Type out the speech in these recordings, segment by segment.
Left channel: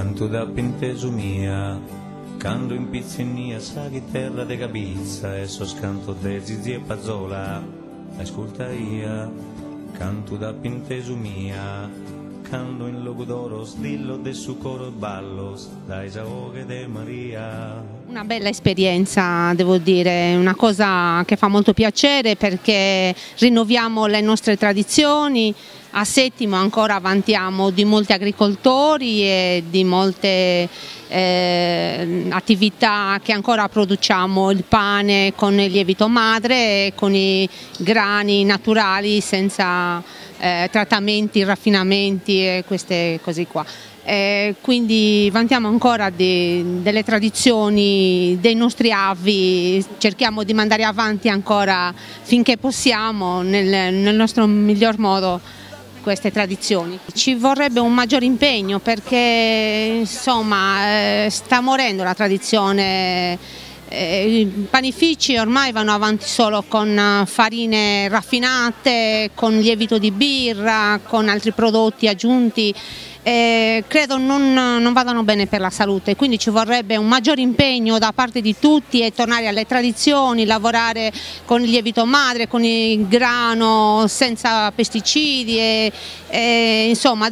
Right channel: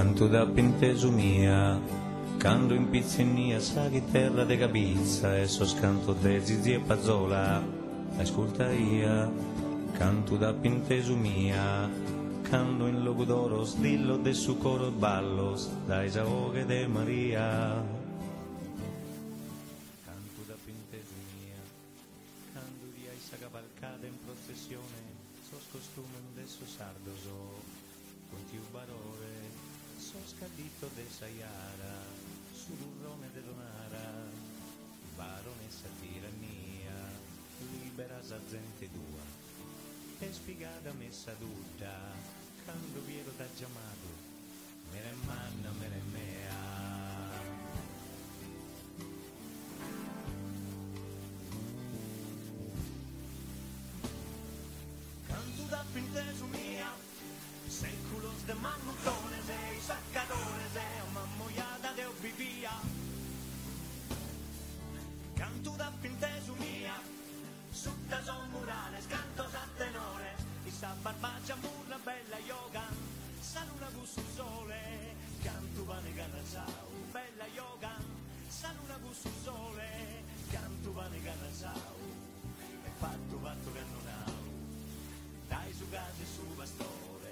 canto da penteso mia, canto in pizzinia, sa che terra de capizza, e so scanto de zizi e pazzola, ascolta ia, canto da penteso mia, canto in loco d'oro, dillo de su coro ballos, dai giaoghe de Maria. Una bella esperienza, devo dire, una cosa che fa molto piacere perché rinnoviamo le nostre tradizioni. A Settimo ancora vantiamo di molti agricoltori e di molte attività che ancora produciamo il pane con il lievito madre e con i grani naturali senza trattamenti, raffinamenti e queste cose qua. Quindi vantiamo ancora delle tradizioni dei nostri avi, cerchiamo di mandare avanti ancora finché possiamo nel nostro miglior modo queste tradizioni. Ci vorrebbe un maggior impegno perché insomma sta morendo la tradizione. I panifici ormai vanno avanti solo con farine raffinate, con lievito di birra, con altri prodotti aggiunti. Credo non vadano bene per la salute, quindi ci vorrebbe un maggior impegno da parte di tutti e tornare alle tradizioni, lavorare con il lievito madre, con il grano senza pesticidi e insomma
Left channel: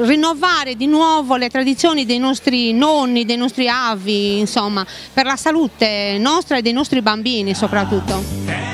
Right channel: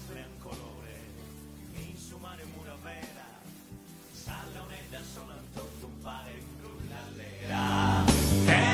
rinnovare di nuovo le tradizioni dei nostri nonni, dei nostri avi, insomma, per la salute nostra e dei nostri bambini soprattutto.